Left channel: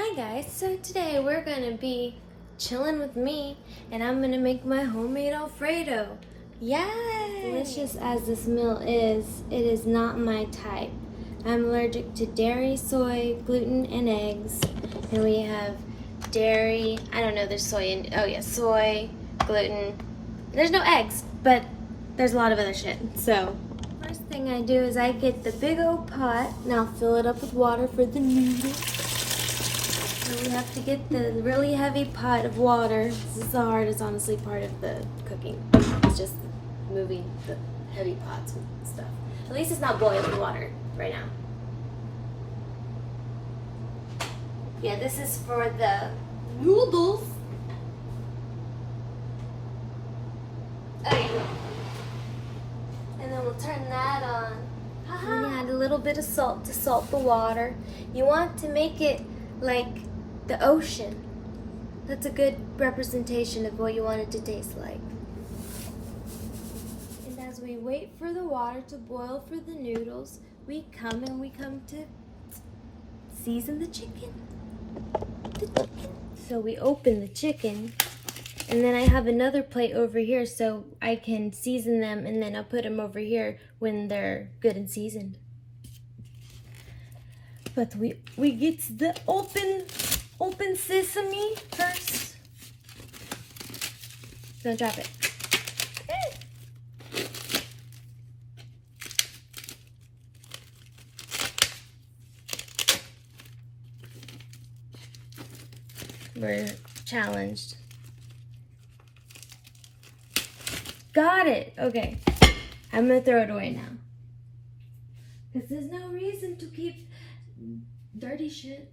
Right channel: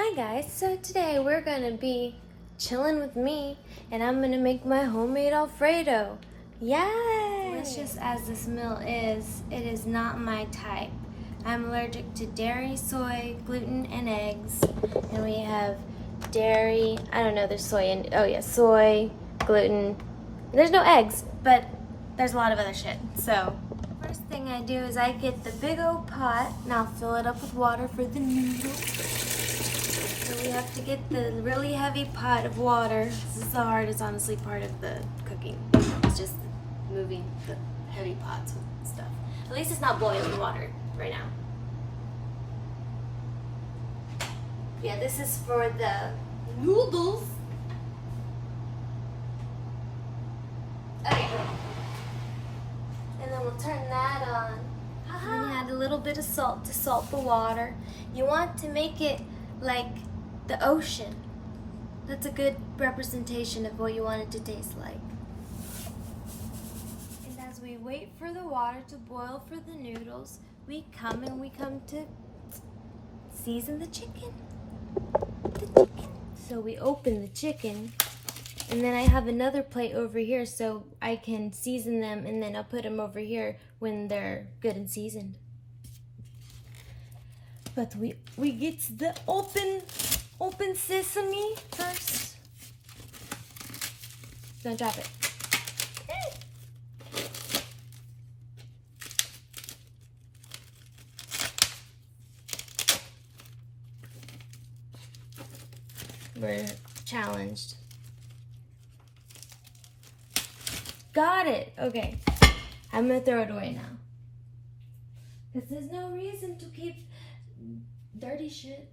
Hi guys, so today we're gonna be chilling with me and I'm gonna make my homemade alfredo. Yay! Delicious as this meal is, it is not my type. I'm allergic to dairy, soy, gluten, and eggs. And we have dairy, I don't know, there's soy and, oh yeah, soy, gluten. There's no eggs, but there's a lot of other shit, so. First thing I do is I get the big old pot and I'll fill it up with water for the noodles. So we have to get the really heavy pot of water. This is the hardest, honestly, part of the cooking. It's just moving the heavy pots and stuff. At least it's not boiling water right now. Yeah, this is for the noodles. There you go. And then we'll turn that on. And you add a little bit of salt to salt the water. You want to make it like the ocean. That's a good representation of what you want it to taste like. And as we wait for the water to boil for the noodles, we come to season the chicken. So we open the chicken, and then I have another plate over here so I can season them, and then I'll put them over here when they're good and seasoned. But we get the open sesame first. Don't drop it. We're challenged. Got it. Okay. I'm gonna throw it away now. Because there's no reason to keep dirty shit.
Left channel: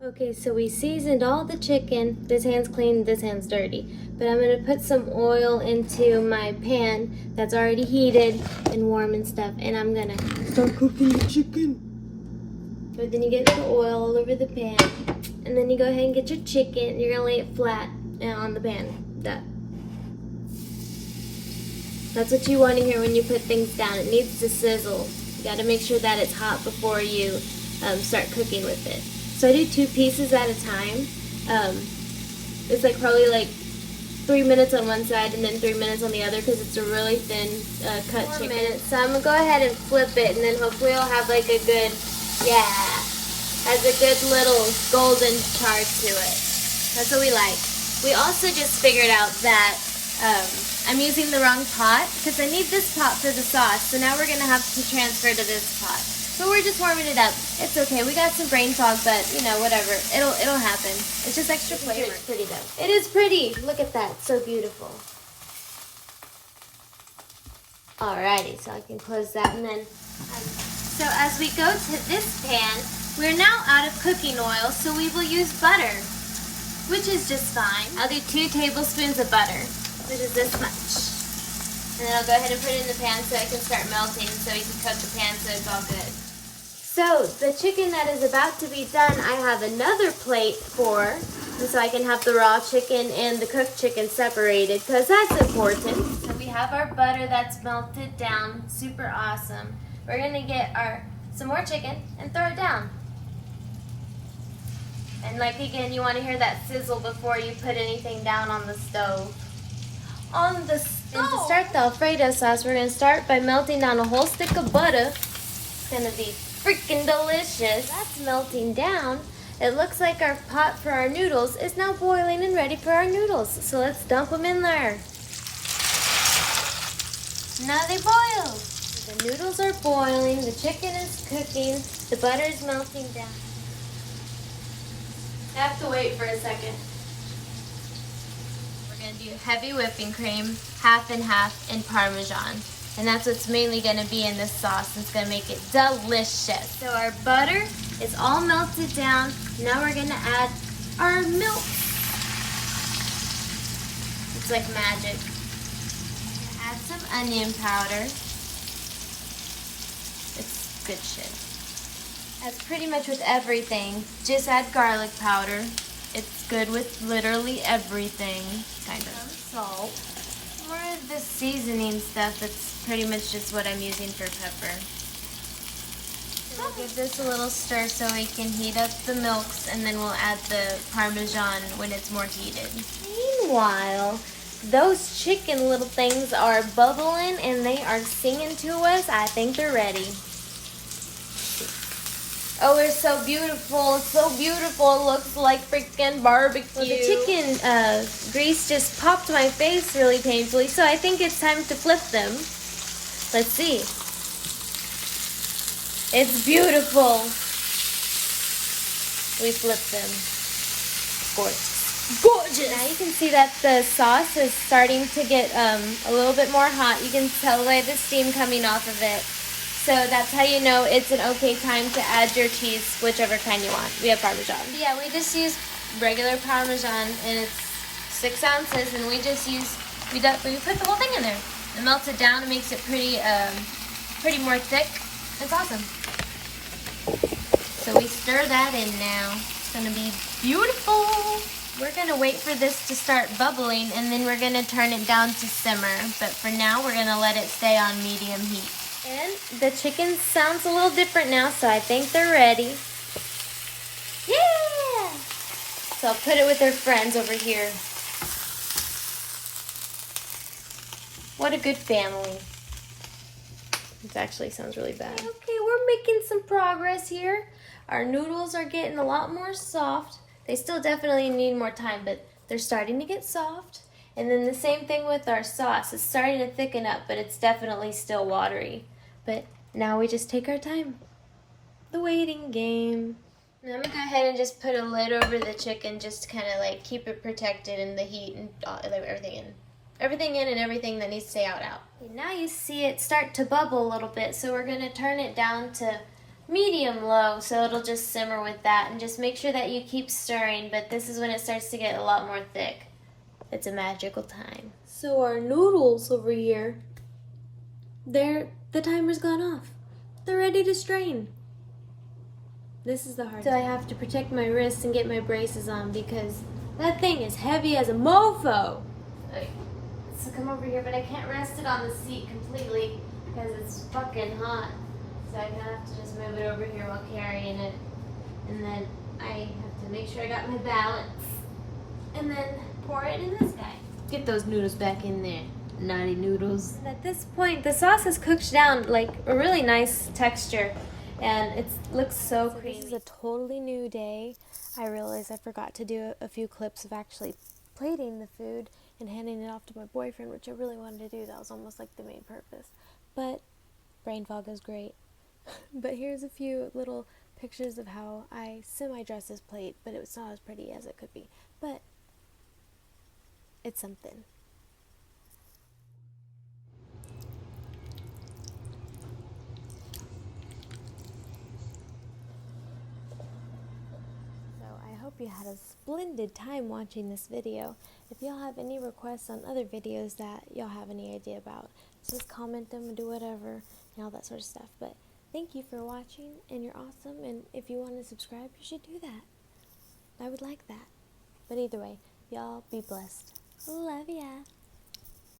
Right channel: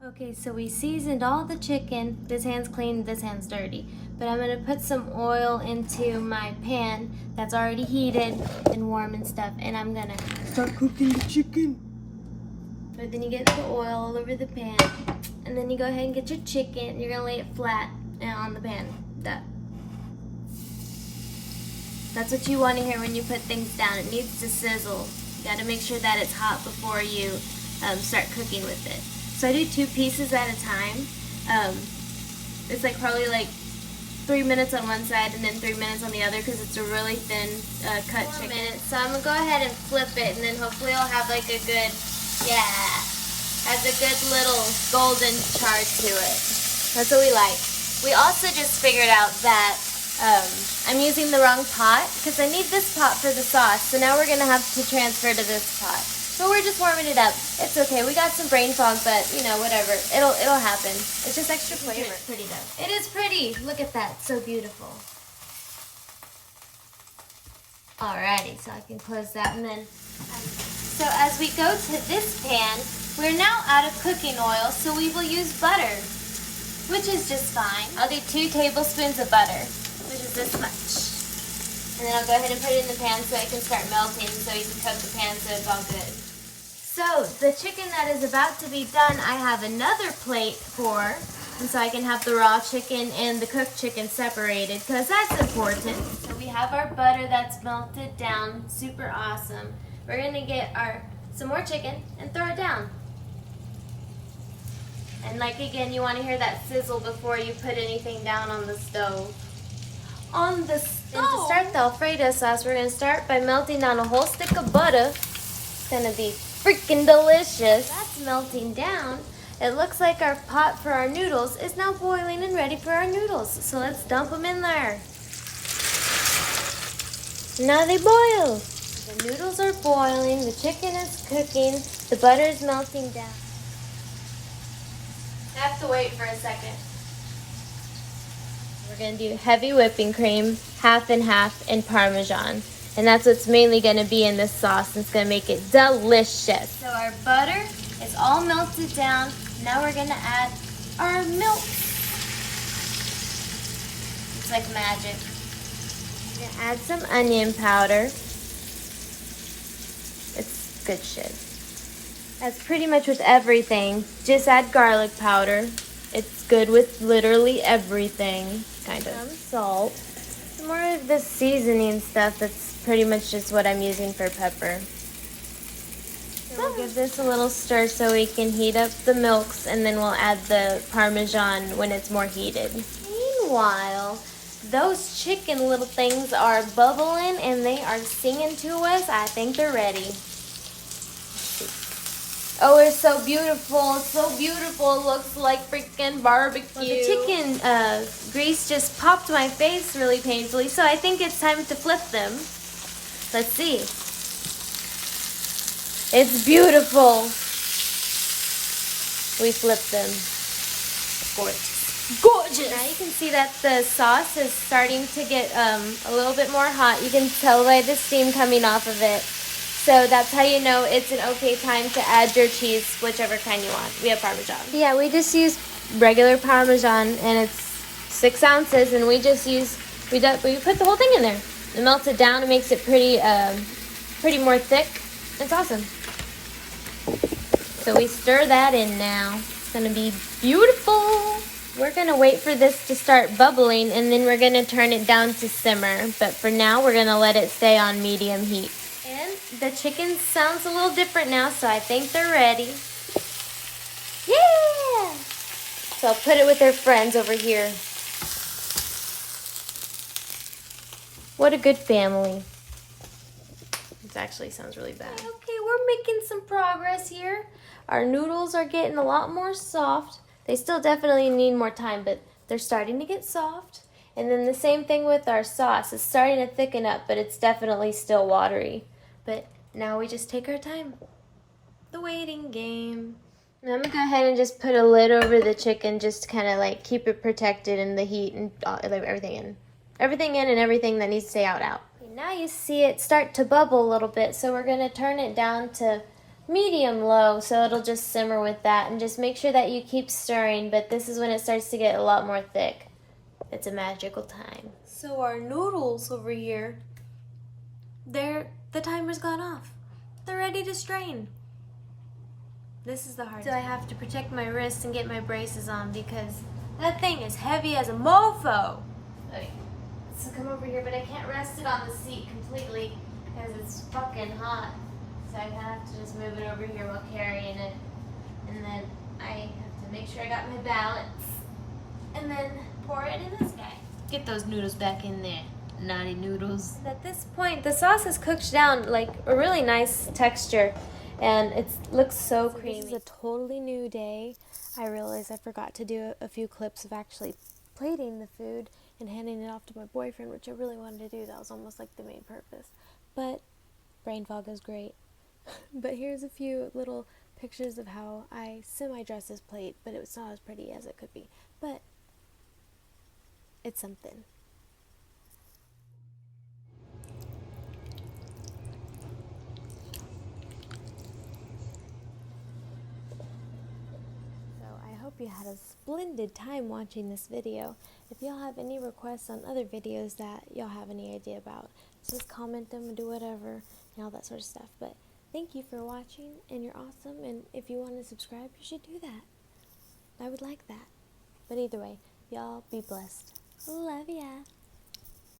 Okay, so we seasoned all the chicken. This hand's clean, this hand's dirty. But I'm gonna put some oil into my pan that's already heated and warm and stuff, and I'm gonna start cooking the chicken. But then you get the oil all over the pan, and then you go ahead and get your chicken. You're gonna lay it flat on the pan. That's what you want to hear when you put things down. It needs to sizzle. You gotta make sure that it's hot before you start cooking with it. So I do 2 pieces at a time. It's like probably like 3 minutes on one side and then 3 minutes on the other because it's a really thin cut chicken. So I'm gonna go ahead and flip it, and then hopefully it'll have like a good, has a good little golden char to it. That's what we like. We also just figured out that I'm using the wrong pot because I need this pot for the sauce. So now we're gonna have to transfer to this pot. So we're just warming it up. It's okay. We got some brain fog, but you know, whatever. It'll happen. It's just extra flavor. It's pretty good. It is pretty. Look at that. So beautiful. Alrighty, so I can close that, and then so as we go to this pan, we're now out of cooking oil, so we will use butter, which is just fine. I'll do 2 tablespoons of butter, which is this much. And then I'll go ahead and put it in the pan so it can start melting, so you can cook the pan so it's all good. So the chicken that is about to be done, I have another plate for, and so I can have the raw chicken and the cooked chicken separated, because that's important. So we have our butter that's melted down, super awesome. We're gonna get some more chicken and throw it down. And like again, you want to hear that sizzle before you put anything down on the stove. And to start the alfredo sauce, we're gonna start by melting down a whole stick of butter. It's gonna be freaking delicious. That's melting down. It looks like our pot for our noodles is now boiling and ready for our noodles. So let's dump them in there. Now they boil. The noodles are boiling, the chicken is cooking, the butter is melting down. I have to wait for a second. We're gonna do heavy whipping cream, half and half, and Parmesan. And that's what's mainly gonna be in this sauce. It's gonna make it delicious. So our butter is all melted down. Now we're gonna add our milk. It's like magic. We're gonna add some onion powder. It's good shit. As pretty much with everything, just add garlic powder. It's good with literally everything, kind of. Some salt. Some more of the seasoning stuff. That's pretty much just what I'm using for pepper. So we'll give this a little stir so we can heat up the milks, and then we'll add the Parmesan when it's more heated. Meanwhile, those chicken little things are bubbling and they are singing to us. I think they're ready. Oh, they're so beautiful. It's so beautiful. It looks like freaking barbecue. Well, the chicken grease just popped my face really painfully, so I think it's time to flip them. Let's see. It's beautiful. We flipped them. Gorgeous. Gorgeous! Now you can see that the sauce is starting to get a little bit more hot. You can tell by the steam coming off of it. So that's how you know it's an okay time to add your cheese, whichever kind you want. We have Parmesan. Yeah, we just use regular Parmesan, and it's 6 ounces, and we just use, we put the whole thing in there. It melts it down, it makes it pretty more thick. It's awesome. So we stir that in now. It's gonna be beautiful. We're gonna wait for this to start bubbling, and then we're gonna turn it down to simmer. But for now, we're gonna let it stay on medium heat. And the chicken sounds a little different now, so I think they're ready. Yeah! So I'll put it with their friends over here. What a good family. It actually sounds really bad. Okay, we're making some progress here. Our noodles are getting a lot more soft. They still definitely need more time, but they're starting to get soft. And then the same thing with our sauce. It's starting to thicken up, but it's definitely still watery. But now we just take our time. The waiting game. And I'm gonna go ahead and just put a lid over the chicken just to kind of like keep it protected in the heat and everything in. Everything in and everything that needs to stay out. Now you see it start to bubble a little bit, so we're gonna turn it down to medium low so it'll just simmer with that, and just make sure that you keep stirring, but this is when it starts to get a lot more thick. It's a magical time. So our noodles over here, the timer's gone off. They're ready to strain. This is the hard time. So I have to protect my wrists and get my braces on because that thing is heavy as a mofo. Okay. So come over here, but I can't rest it on the seat completely because it's fucking hot. So I kind of have to just move it over here while carrying it. And then I have to make sure I got my balance. And then pour it in this guy. Get those noodles back in there. Naughty noodles. And at this point, the sauce is cooked down like a really nice texture. And it looks so creamy. This is a totally new day. I realized I forgot to do a few clips of actually plating the food and handing it off to my boyfriend, which I really wanted to do. That was almost like the main purpose. But brain fog is great. But here's a few little pictures of how I semi-dress this plate, but it's not as pretty as it could be. But it's something. I hope you had a splendid time watching this video. If y'all have any requests on other videos that y'all have any idea about, just comment them and do whatever and all that sort of stuff. But thank you for watching, and you're awesome, and if you want to subscribe, you should do that. I would like that. But either way, y'all be blessed. Love ya.